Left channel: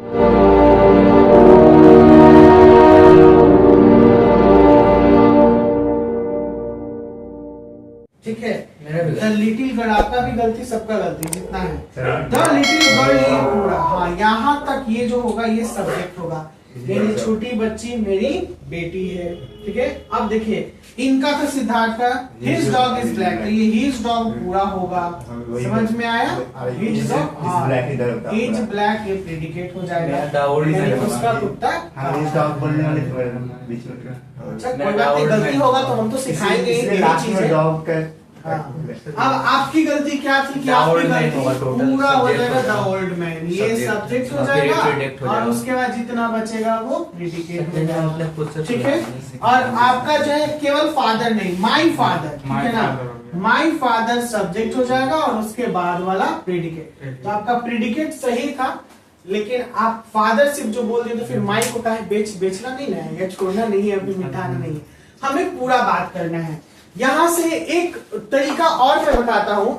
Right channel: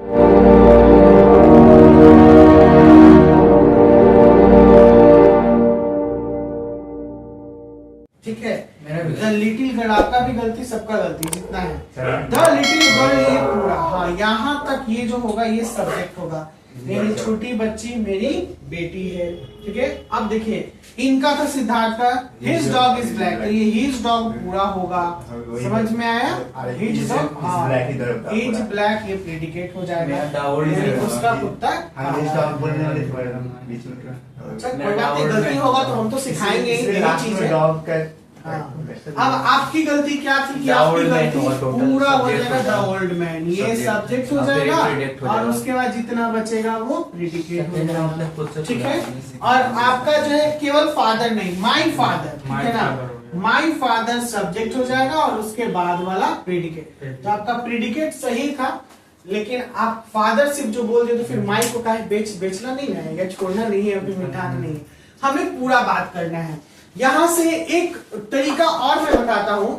ठीक है, the little girl, आपका भी गलती, सबका गलती जितना है। द लिटिल गर्ल, ये पूरा, हाँ यहाँ तक ये जो होगा ये सब्जेक्ट होगा। मेरी छोटी बच्ची मेरी बेटी है। ठीक है, अब देखिए इनका तो सिद्धार्थ का हिज डॉग इज ब्लैक, तो ये हिज डॉग पूरा होगा। समझ में आया? हिज डॉग, हाँ हिज ब्लैक, ये प्रेडिकेट हो जाएगा। उसका कुत्ता, कोई बात नहीं, गलती होगा तो हम तो सिखाएंगे यही चीजें। अब आपकी गलती क्या थी कि आपकी गलती पूरा हो जाएगा द ओल्ड मैन, ये सब्जेक्ट हो जाएगा और उसके बाद जितना बचेगा वो प्रेडिकेट हो जाएगा। ठीक है, और आपका जो है केवल फादर नहीं, माय फादर, ठीक है ना, माय फादर सब्जेक्ट हो जाएगा और उसके बाद वाला प्रेडिकेट। तो आपका प्रेडिकेट सही था, लेकिन आप फादर सिर्फ जो बोल दिए तो फिर माई को कहे बेचना नहीं है या छोड़ना नहीं है, अभी मिटाना नहीं है, हमें पूरा बात करना है। यहां से एक तरीका और मैं बताता हूं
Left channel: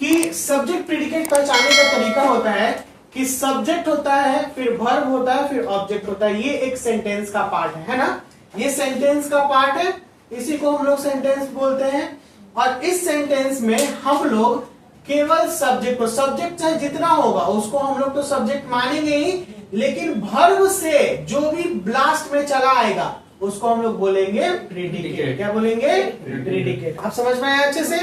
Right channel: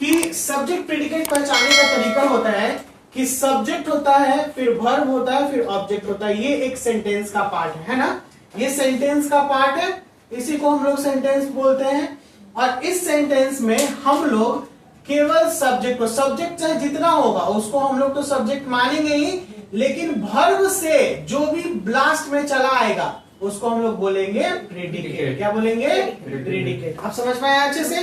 कि सब्जेक्ट प्रेडिकेट पहचानने का तरीका होता है कि सब्जेक्ट होता है, फिर वर्ब होता है, फिर ऑब्जेक्ट होता है। ये एक सेंटेंस का पार्ट है ना, ये सेंटेंस का पार्ट है, इसी को हम लोग सेंटेंस बोलते हैं। और इस सेंटेंस में हम लोग केवल सब्जेक्ट को, सब्जेक्ट चाहे जितना होगा उसको हम लोग तो सब्जेक्ट मानेंगे ही, लेकिन वर्ब से जो भी ब्लास्ट में चला आएगा उसको हम लोग बोलेंगे प्रेडिकेट। क्या बोलेंगे? प्रेडिकेट। आप समझ में आया अच्छे से?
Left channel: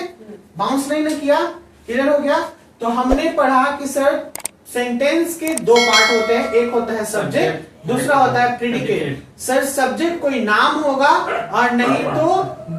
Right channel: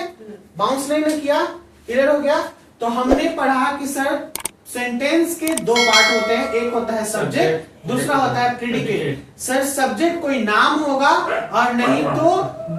बाउंस नहीं ना किया? क्लियर हो गया? तो हमने पढ़ा कि सर सेंटेंस के दो पार्ट होते हैं, एक होता है सब्जेक्ट, दूसरा होता है प्रेडिकेट। सर सब्जेक्ट कोई नाम होगा और नहीं तो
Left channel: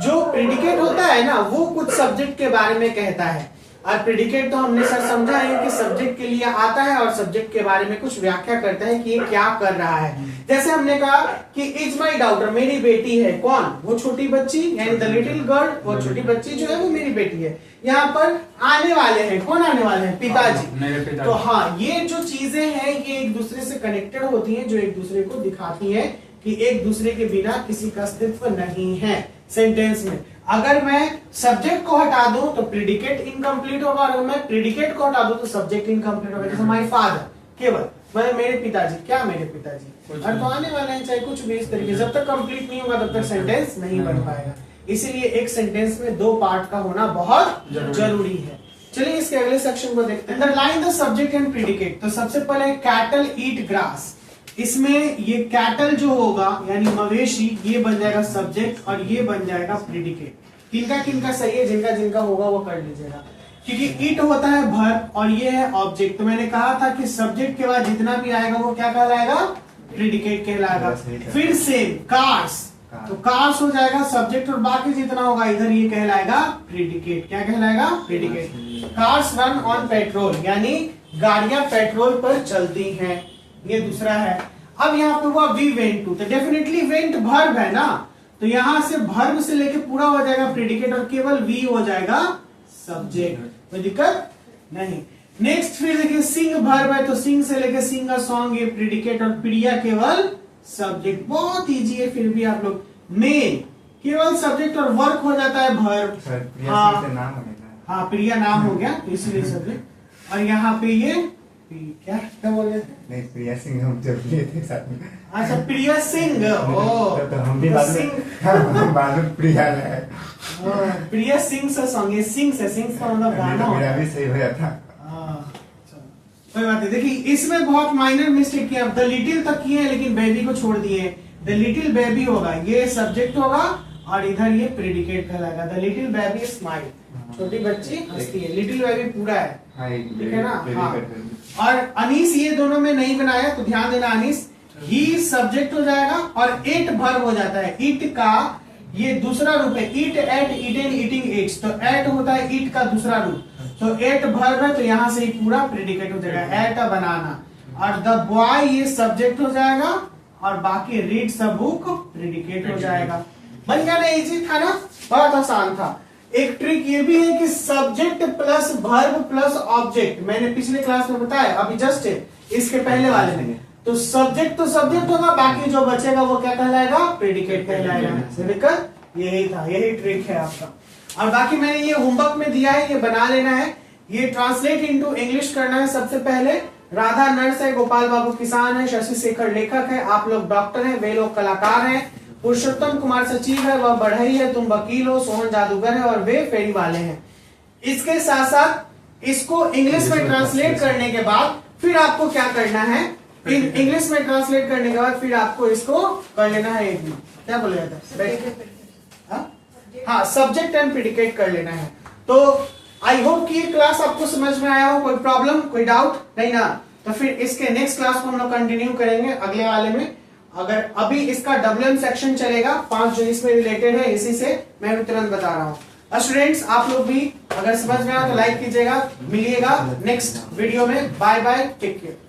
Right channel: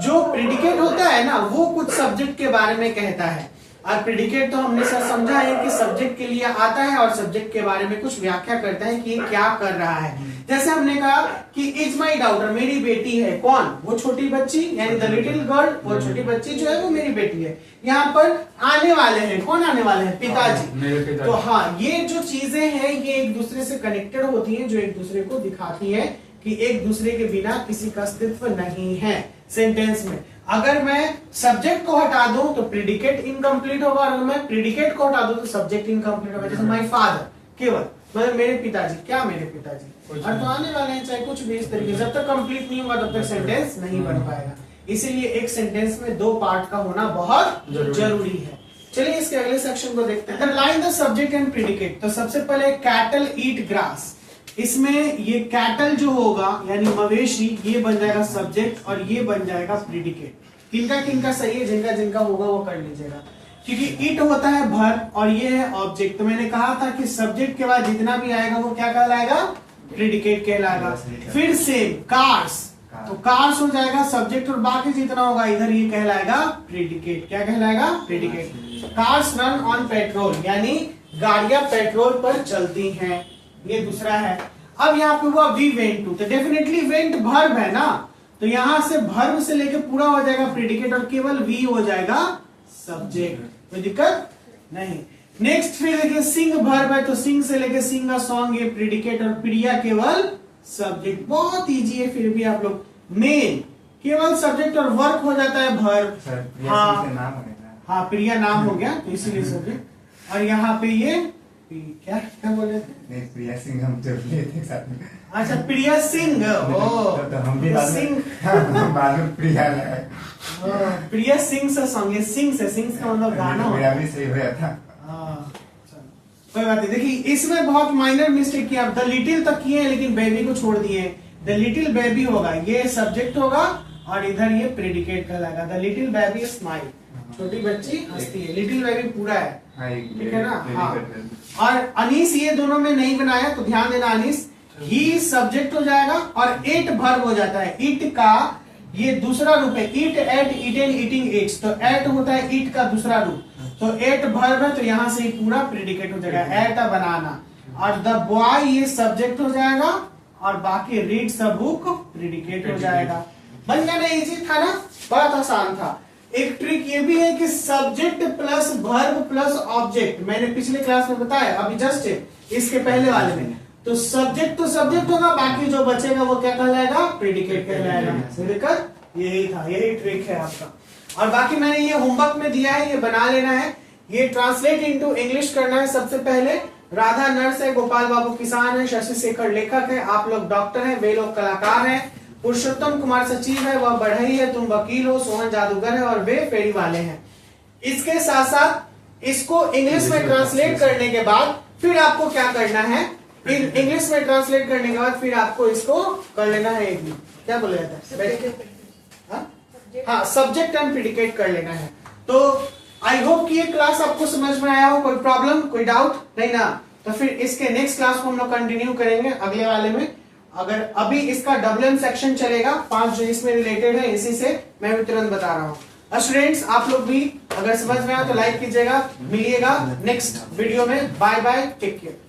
जो प्रेडिकेट होता है ना वो कुछ सब्जेक्ट के बारे में कहता है, और प्रेडिकेट तो हमने सर समझा है कि सब्जेक्ट के लिए आता है और सब्जेक्ट के बारे में कुछ व्याख्या करता है कि ये क्या कर रहा है। जैसे हमने कहा कि इज माई डॉटर, मेरी बेटी है। कौन? वो छोटी बच्ची, यानी द लिटिल गर्ल, वो छोटी बच्ची जो है वो मेरी बेटी है। यहाँ पर आने वाले हैं, कौन आने वाले हैं? पिताजी। तो हाँ, ये जो चीजें हैं ये एक दूसरे से कनेक्टेड होती हैं, जो एक दूसरे को दिखाती है कि एक दूसरे के बिना किसी का अस्तित्व नहीं है सेंटेंस में। अगर मैं सब्जेक्ट को हटा दूं तो प्रेडिकेट इनकम्प्लीट होगा, और अगर मैं प्रेडिकेट को हटा दूं तो सब्जेक्ट इनकम्प्लीट होगा। जैसे माय फादर, केवल मतलब मेरे पिताजी, क्या मेरे पिताजी, और तो आने वाले हैं चाहे कुछ भी इस तरीके। जब तक कंप्लीट नहीं होगा तब तक सेंटेंस नहीं बन पाएगा। इसीलिए एक सेंटेंस में दो पार्ट का होना बहुत जरूरी है। चलिए इसके अगले सेक्शन को देखते हैं। Underline the subject and predicate. तो सबसे पहले कैटल ईट ग्रास, इसमें ये कैटल जो होगा यानी मवेशी, ये बन जाएगा सब्जेक्ट और ये बन जाएगा प्रेडिकेट। किनका किनका सही है, जिनका जिनका होगा वो कर लीजिएगा, क्योंकि इट होता है वर्ब और ये है ऑब्जेक्ट। तो मैंने कहा था कि सब्जेक्ट के बाद जितना भी आएगा वो क्या कहलाएगा? प्रेडिकेट कहलाएगा। फिर से कार्स, तो कार्स हो जाएगा सब्जेक्ट और बाकी जितना होगा इधर ये कहलाएगा प्रेडिकेट। क्या कहलाएगा? Predicate. Cars run on petrol, यानी गाड़ियां पेट्रोल पर चलती हैं, ये दूसरा है। अब यहाँ पे हुआ वी वेंट टू, तो डेफिनेटली वेंट वर्ब है ना, तो यहां से वर्ब से लेके पूरा हो जाएगा प्रेडिकेट और केवल वी हो जाएगा सब्जेक्ट। कोई दिक्कत नहीं। नेक्स्ट फिर देखिए सिंग वर्ब है, तो सिंग से लेके सिंग अ सॉन्ग, ये प्रेडिकेट, और प्रिया केवल सब्जेक्ट। बहुत इजी है फिर भी आप लोग। मेल केवल सब्जेक्ट और वर्क हो जाता है वर्ब। हाँ प्रिया नाम हो गया तो इसीलिए सब्जेक्ट। और यहाँ पे ये क्या क्या बोल रहे थे? नहीं, प्रिया सिंह हम जब लिए थे साथ में। अच्छा प्रिया सिंह, तो हम भी बाद में प्रिया है। प्रिया सिंह से सॉन्ग, ये सिंह का मतलब गाना। मेरा भी सही हो था। कोई बात नहीं। देखिए इसमें बहुत माइनर मिस्टेक किया, द लिटिल तक किए हैं लेकिन बेबी को छोड़ दिए। द लिटिल बेबी होगा, ये सब्जेक्ट होगा और इधर ये प्रेडिकेट कहलाएगा। द लिटिल बेबी स्माइल, छोटी बच्ची हंसती है। लिटिल बेबी पूरा है, ठीक है ना? हाँ। और अनीस ये दोनों में नहीं बनाया तो ध्यान देना, अनीस ही सब्जेक्ट हो जाएगा और इट वर्ब हो जाता है। इट का ये दूसरा रूप है, eat, ate, eaten, eating, eats. तो एट होता है इट का दूसरा रूप, तो एट वर्ब है तो यहां से पूरा प्रेडिकेट हो जाएगा। एट अ बनाना। और द बॉय ये सब्जेक्ट हो जाएगा और बाकी रीड द बुक प्रेडिकेट हो जाएगा। बन गया ना? इजी था ना? बहुत आसान था। एक ट्रिक ये भी है कि subject plus verb plus object, मैंने पिछले क्लास में बताया, अभी जस्ट इसके पहले वाले में, तो सब्जेक्ट तो सब्जेक्ट होगा, बाकी जो बचेगा वो क्या कहलाएगा? प्रेडिकेट कहलाएगा। दिक्कत यही था, यही ट्रिक है आपका। और बाकी मैंने ये होमवर्क में दिया है, ये बना लेना है। ये ट्रांसलेट इनटू इंग्लिश करना है सबसे पहले, राधा नर्स है, गोपाल बाबू किसान है, शशि शेखर लेखक है, आप लोग डॉक्टर हैं, वे लोग कलाकार हैं, पुरुषोत्तम कुमार सचिव है, वह बढ़ई है, तुम वकील हो, सोहन जादूगर है और वे फेरी वाले हैं। इसके साथ साथ इसको इंग्लिश में ट्रांसलेट करने के बाद फिर आपको क्या करना है, इंग्लिश में ट्रांसलेट करने के बाद फिर आपको इसको कर लेना है, एक क्या बोला जाता है, हाँ सब्जेक्ट एंड प्रेडिकेट कर लेना है। तो आई होप कि ये क्लास आपको समझ में आया हो, कोई प्रॉब्लम कोई डाउट नहीं ना। तो फिर इसके नेक्स्ट क्लास को हम लोग कंटिन्यू करेंगे अगले वाले में। अगर अभी इसका WM सेक्शन चलेगा 5 जो इसमें रिलेटेड है, इसी से मैं भी तुरंत बता रहा हूँ। स्टूडेंट्स आप लोग भी अगर समझ में आया तो लाइक कीजिएगा, मिलिएगा नेक्स्ट वीडियो में। Bye bye, take care.